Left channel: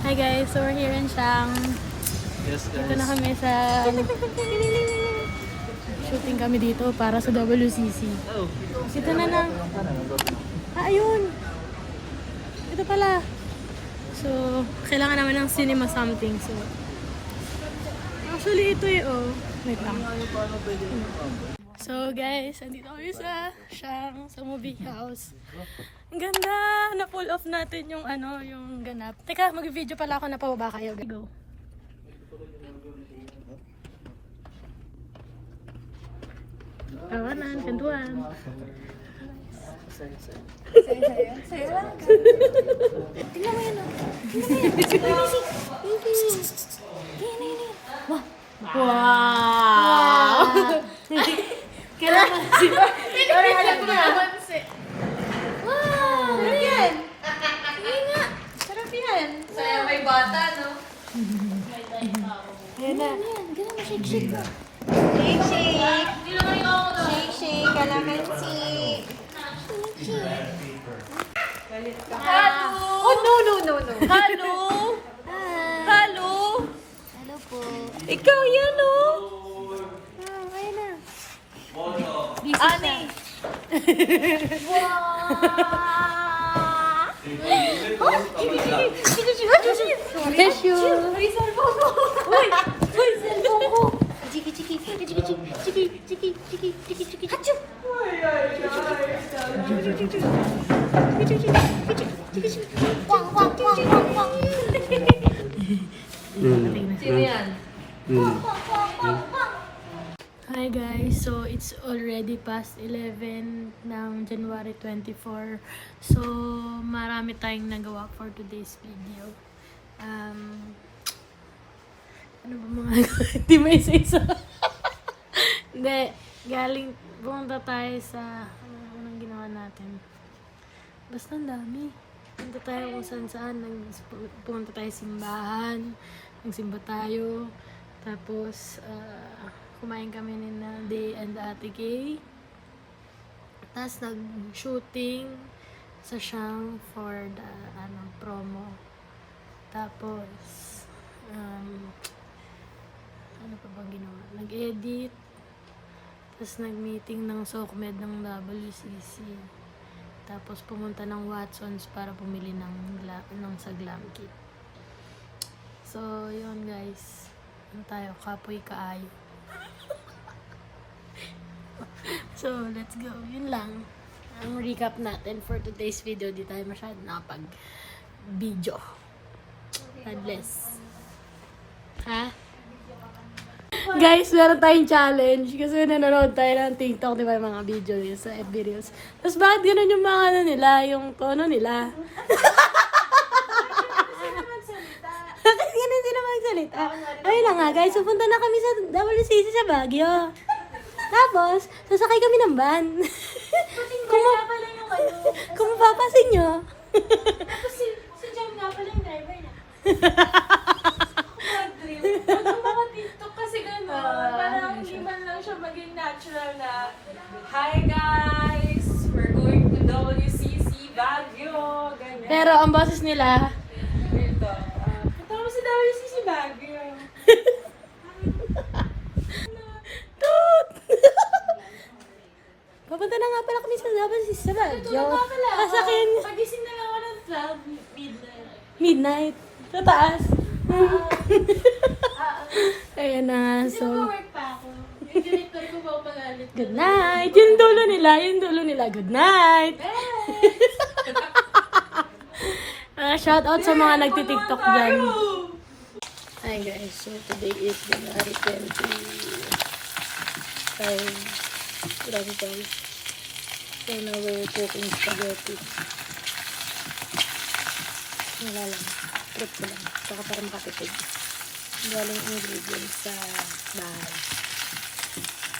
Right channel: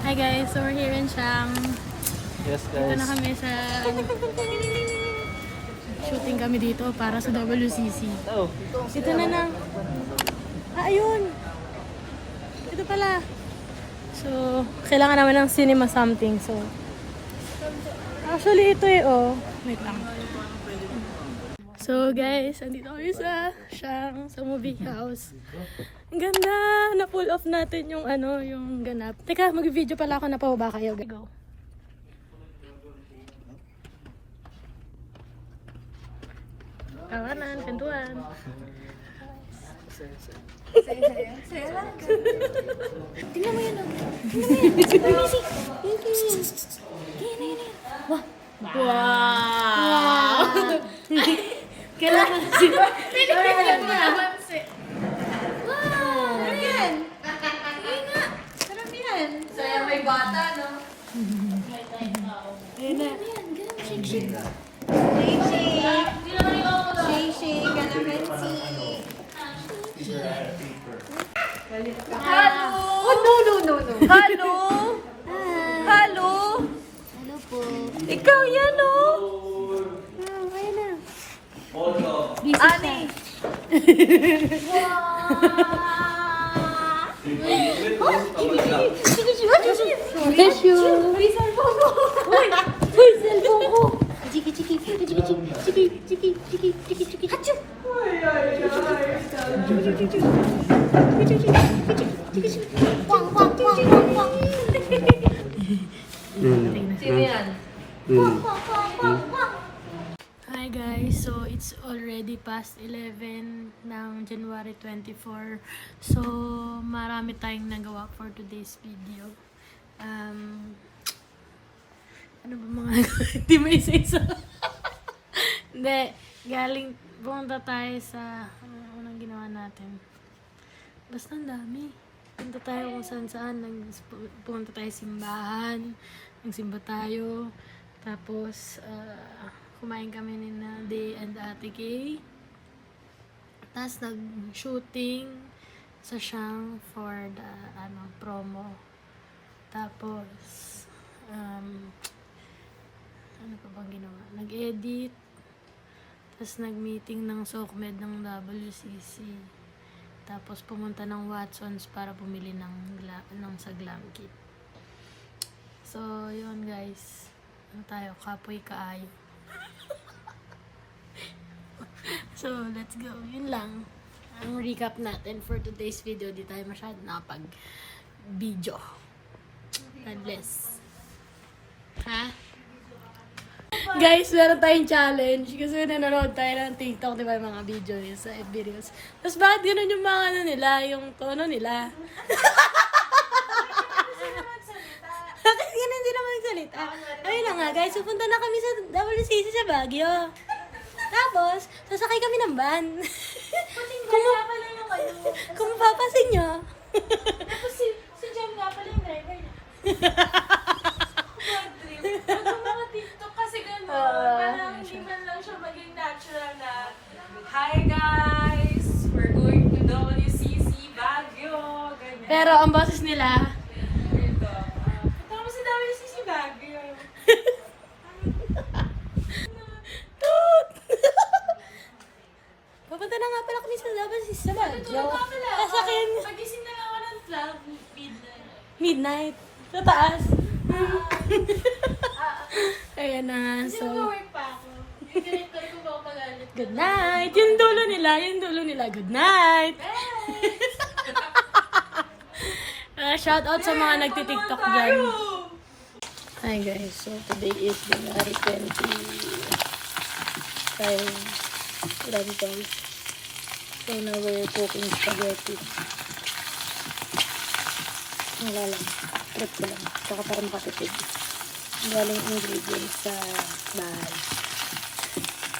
Hi guys, so we're here in Siang. Yes, Dito na kami sa... Shooting kami dito para sa WCC. Oh, Dito na lang. Ayun! Ito pala. So, kailangan naman ng cinema something. So, actually ito eh, oh. Wait lang. So guys, andito kami sa Siang, sa movie house. Ang ganda! Na-pull off natin yung ano, yung ganap. Teka, mag-video pala ako, napababa kayo. Go. Tawanan, kantuan. Saya lang. Tingnan mo yan, oh. Tingnan mo yan. Amazing. Yan. Wow. Wow. Kailangan sila. Wow. Yan. Sarap yan. Saya may bata, no? Ayan na. Ganun, shake. Shake, calamansi. Oh, no. Hello. Hello. Hello po. Ikaw yan, oh. Ayan na. Ani. Bless you. Uy, cellphone ko. Uy, cellphone ko. Chiki. Hi guys, so it's already past 11 ng January 24. So marami tayong nagawa for today's video. Ano ba mga hindi may isa-isa? Hindi, pumunta tayo sa anong ginawa natin. Basta ang dami. Punta tayo kung saan. Pumunta tayo simbahan. Nagsimba tayo. Tapos, kumain kami ni Day and Ate Kay. Tapos, nag-shooting sa Siang for the promo. Tapos, ano pa bang ginawa? Nag-edit. Tapos, nag-meeting ng SOCMED ng WCC. Tapos pumunta ng Watsons para bumili ng sa glam kit. So, yun guys. Ano tayo? Kapoy kaayo. So, let's go. Yun lang. Ang recap natin for today's video. Di tayo masyado nakapag-video. God bless. Ha? Guys, meron tayong challenge kasi nanonood tayo ng TikTok, di ba, yung mga video yun sa FB Reels. Tapos bakit gano'n yung mga yung tono nila? Kasi gano'n sila magsalita. Ayun na nga guys, pupunta na kami sa WCC sa Baguio. Tapos, sasakay kami ng van. Kung mapapasin nyo. Tapos si John nga pala yung driver na. Parang hindi man lang siya maging natural na hi guys, we're going to WCC Baguio, ganyan. Pero ang boses nila, Kata mo si WCC Baguio. pupunta na nga pala kami sa WCC sa Baguio. Tulog ka pala. Sasakin, Pagising na lang ako ng 12 midnight. midnight. Sa taas. Ayan na. Kasi So, mag-work pa ako. May galit ka rin kung ako magalit. good night. Yung dulo nila. Good night. Shout out sa mga nagtitiktok dyan. Hi guys. So, today is January 20. Grabe guys. So, now we're cooking spaghetti. Wala lang. Trip ko lang. Tsaka para makatipid. Galing ingredients sa bahay.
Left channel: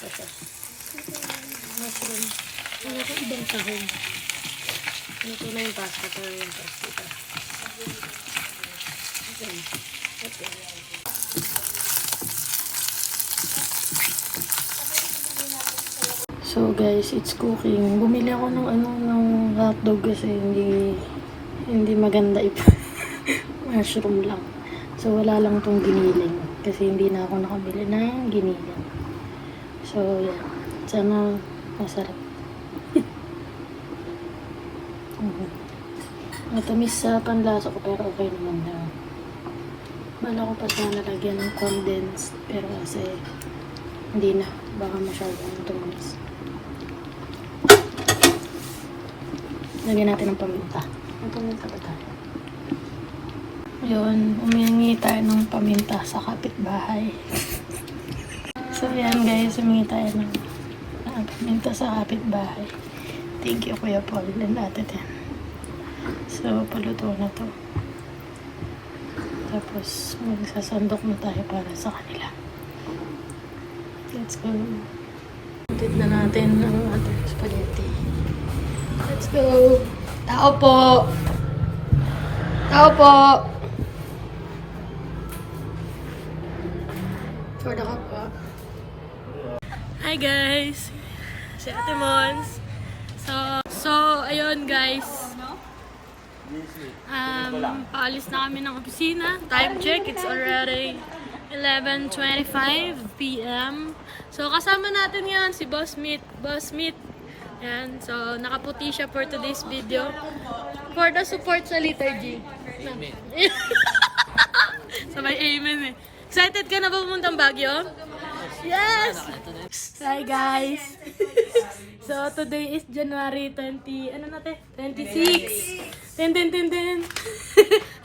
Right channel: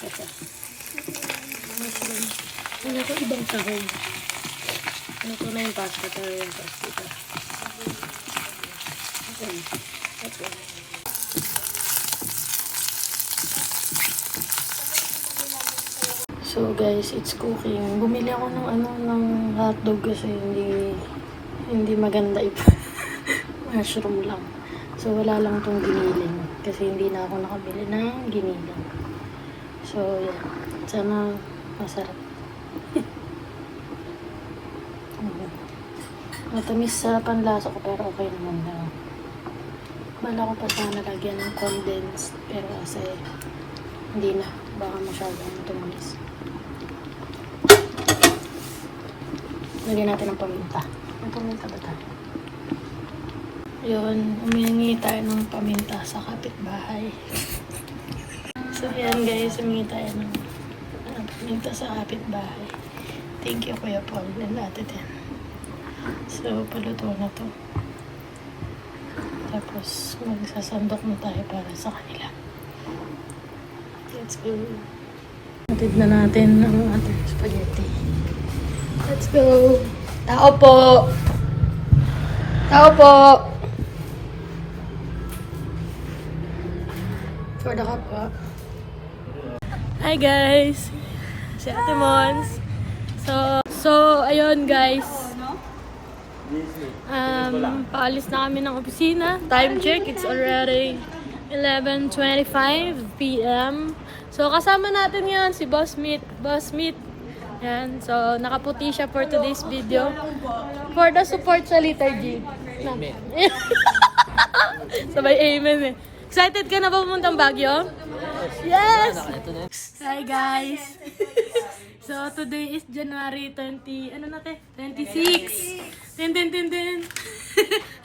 Ito. Mushroom. Ano ko ibang sahog. Ano ko na yung pasta. Ito yung pasta. Ito. So guys, it's cooking. Bumili ako ng hotdog kasi hindi maganda ito. Mushroom lang. So, wala lang tong giniling. Kasi hindi na ako nakabili ng giniling. So, sana masarap. Matamis sa panlasa ko pero okay naman daw. Bala ko pa sana lagyan ng condensed pero kasi hindi na. Baka masyadong tumalis. Lagyan natin ng paminta. Ang paminta ba tayo? Yun, umingi tayo ng paminta sa kapitbahay. So yan guys, umingi tayo ng paminta sa kapitbahay. Thank you Kuya Paul. Yan natin yan. So, paluto na to. Tapos, magsasandok na tayo para sa kanila. Let's go. Natid na natin ng ating spaghetti. Let's go. Tao po! Tao po! For the cup po. Hi guys! Si Ate Mons. So, ayun guys. Paalis na kami ng opisina. Time check, it's already 11:25 p.m. So, kasama natin yan si Boss Meat. Yan. So, nakaputi siya for today's video. For the support sa liturgy. Sabay amen eh. Excited ka na ba pumuntang Baguio? Yes! Hi guys! So, today is January 20, ano natin? 26. Tin.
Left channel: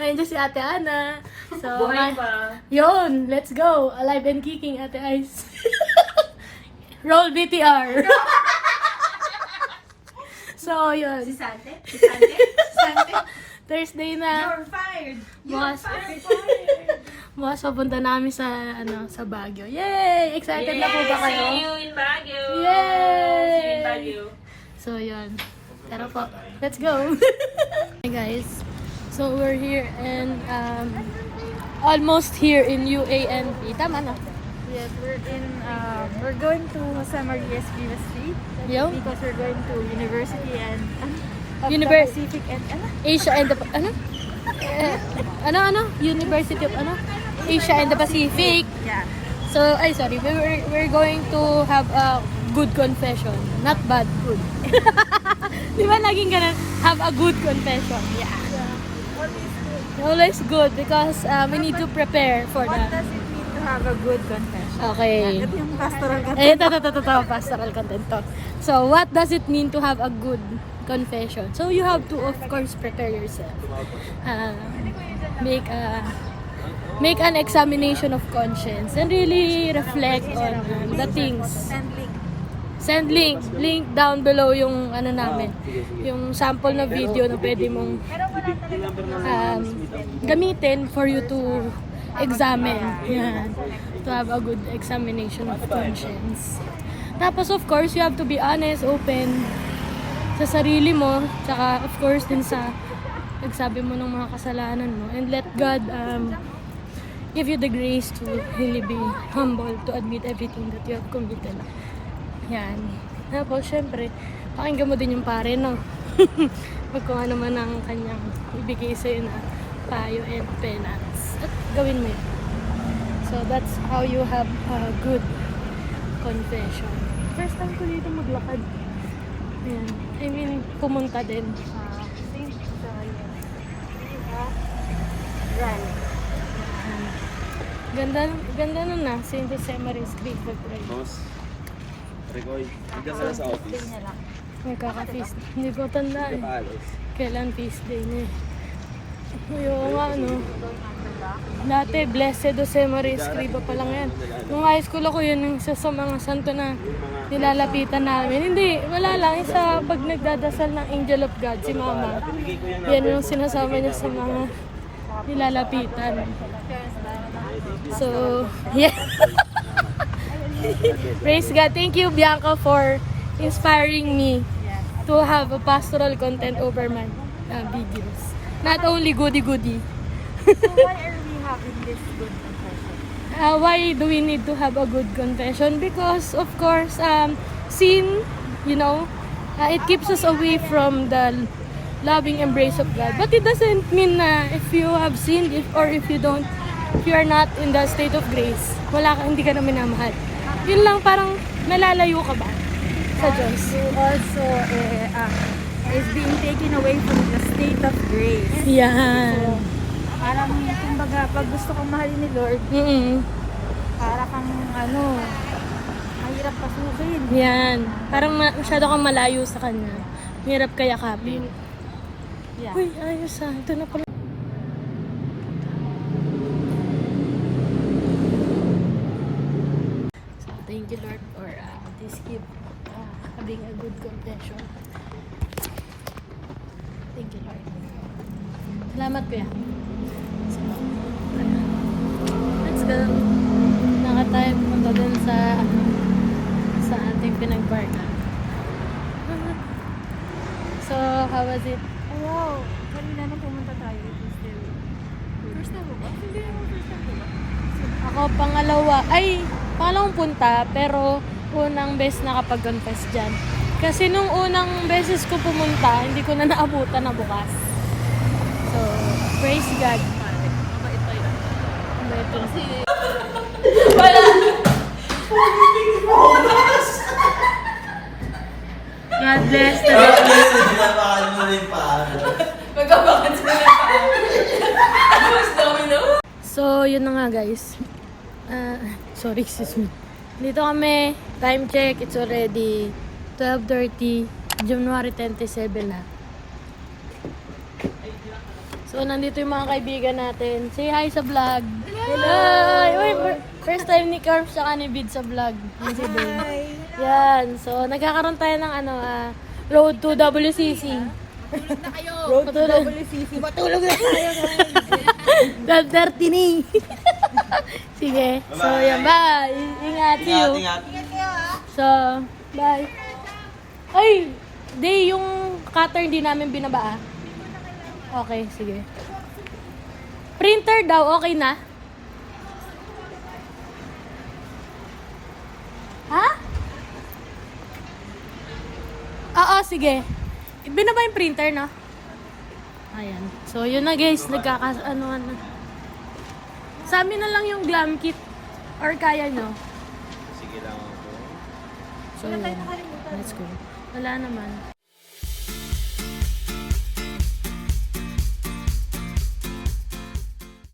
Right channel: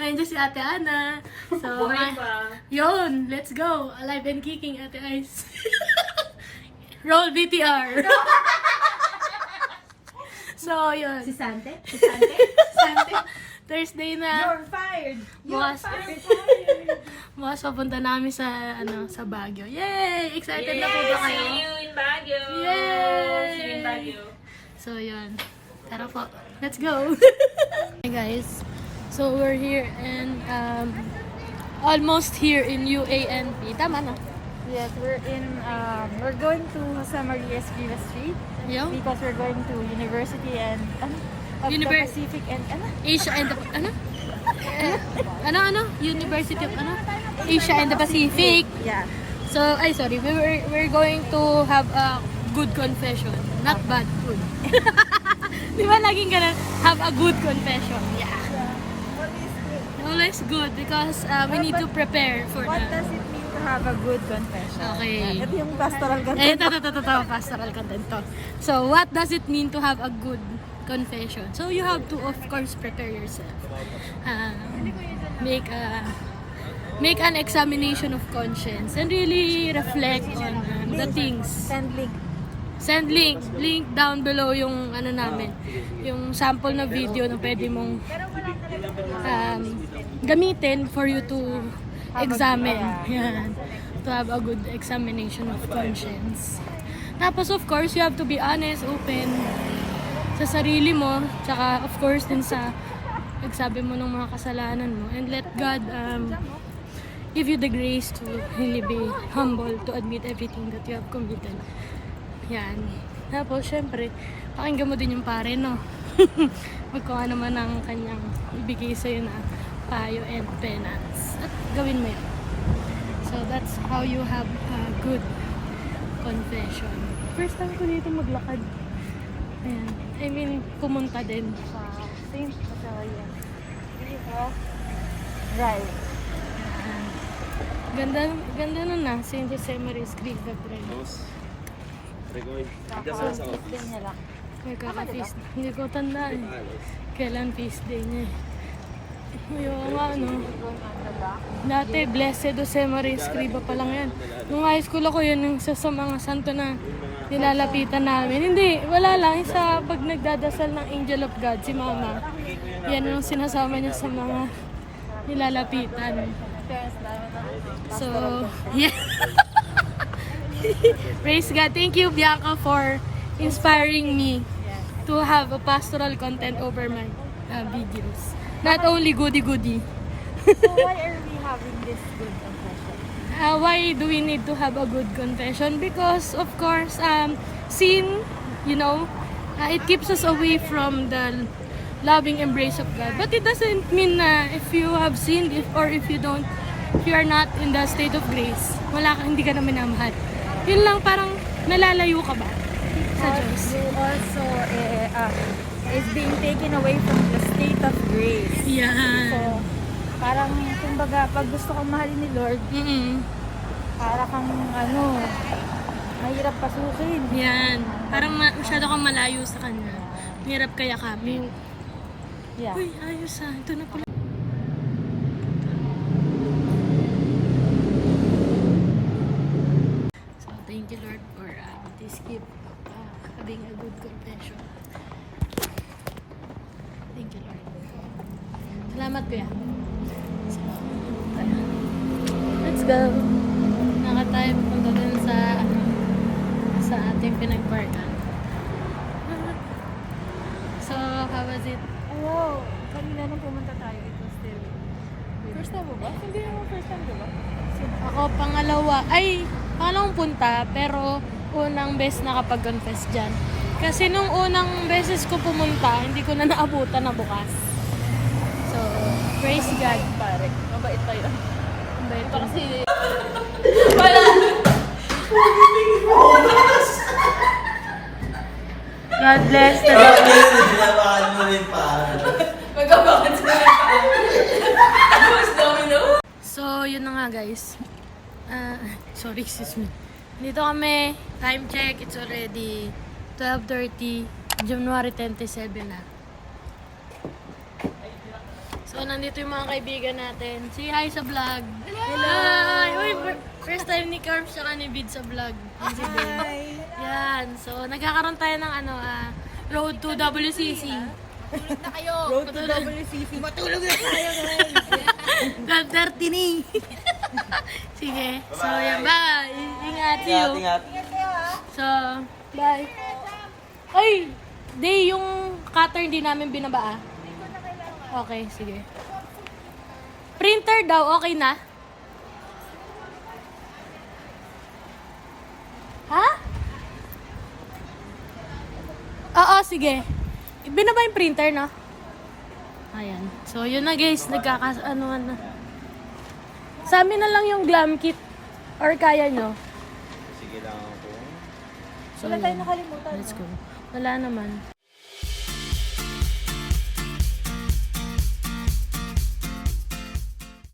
Ayun dyan si Ate Ana. So, yun, let's go. Alive and kicking, Ate Ice. Roll VTR. So, yun. Si Sante? Thursday na. You're fired! Bukas papunta namin sa, sa Baguio. Yay! Excited na po ba kayo? See you in Baguio! Yay! See you in Baguio! So, yun. Tara po. Let's go! Hey guys. So, we're here and almost here in UANP. Tama na? Yes, we're going to Jose Maria Escrivá Street Yo? because we're going to university and of the University Pacific and Asia and the... University of Asia and the Pacific. yeah. So, sorry. We're going to have a good confession. Not bad, good. Di ba laging ganun? Have a good confession. Yeah. Always good because we need to prepare for What that. does it mean to have a good confession? Okay. Ito yung pastoral Ito, pastoral content to. So, what does it mean to have a good confession? So, you have to, of course, prepare yourself. Make an examination of conscience and really reflect on the things. Send link down below yung namin, yung sample na video na pwede mong gamitin for you to examine. Yan. To have a good examination of conscience. Tapos of course, you have to be honest, open sa sarili mo, tsaka of course din sa pagsabi mo ng mga kasalanan mo, and let God give you the grace to really be humble, to admit everything that you have committed. Yan. Tapos, syempre, pakinggan mo din yung pare, no? Pag kung ano man ang kanyang ibigay sa'yo na payo and penance. At gawin mo yun. So, that's how you have a good confession. First time ko dito maglakad. Ayan. I mean, pumunta din. Thank you for you. Right. Ganda na na. St. Jose Maria Escrivá Street. Magkaka-feast. Hindi ko tanda eh. Kailan feast day niya eh. Yung dati, Blessed Jose Maria Escrivá pa lang yan. Nung high school ako, yun yung isa sa mga santo na nilalapitan namin. Hindi, wala lang. Sa pag nagdadasal ng Angel of God, si Mama, yan yung sinasama niya sa mga nilalapitan. So, yeah. Praise God. Thank you, Bianca, for inspiring me to have a pastoral content over my videos. Not only goody-goody. So why are we having this good confession? Why do we need to have a good confession? Because, of course, sin, it keeps us away from the loving embrace of God. But it doesn't mean na if you have sinned or if you are not in the state of grace, hindi ka na minamahal. Yun lang, parang nalalayo ka ba sa Diyos? You also is being taken away from the state of grace. So, Yan. parang, kumbaga, pag gusto kang mahal ni Lord, para kang, mahirap pasukin. Yan. Parang masyado kang malayo sa Kanya. Hirap kaya kapit. Yeah. Uy, ayos ah. Ito na pala. So, thank you Lord for this gift. Having a good confession. Thank you Lord. Salamat kuya. So, let's go. Naka tayo punta dun sa ating pinagbarka. So, how was it? Oo. Kanina nang pumunta tayo, it was still... First time mo ba? Hindi naman first time, diba? Ako pangalawang punta, pero unang beses nakapag-confess dyan. Kasi nung unang beses ko pumunta, hindi ko na naabutan na bukas. So, praise God. Pare, mabait tayo. Mabait yun. God bless the Magabakan sila ng paa. Tapos domino. So, yun na nga guys. Sorry, excuse me. Dito kami, time check, it's already 12:30, January 27 na. So, nandito yung mga kaibigan natin. Say hi sa vlog. Hello! Uy, first time ni Carm sa ni sa vlog. Hi! Yan. So, nagkakaroon tayo ng road to WCC. Road to WCC. Matulog na tayo, guys. 12:30 ni. Sige. So, yan. Bye. Ingat. See you. So, bye. Oy! Di, yung cutter hindi namin binaba. Okay, sige. Printer daw, okay na? Ha? Oo, sige. Binaba yung printer na. Ayan. So, yun na guys. Ano. Sa amin na lang yung glam kit. Or kaya nyo? Sige lang ako. So, Wala tayo yun. nakalimutan. Let's go. Wala naman.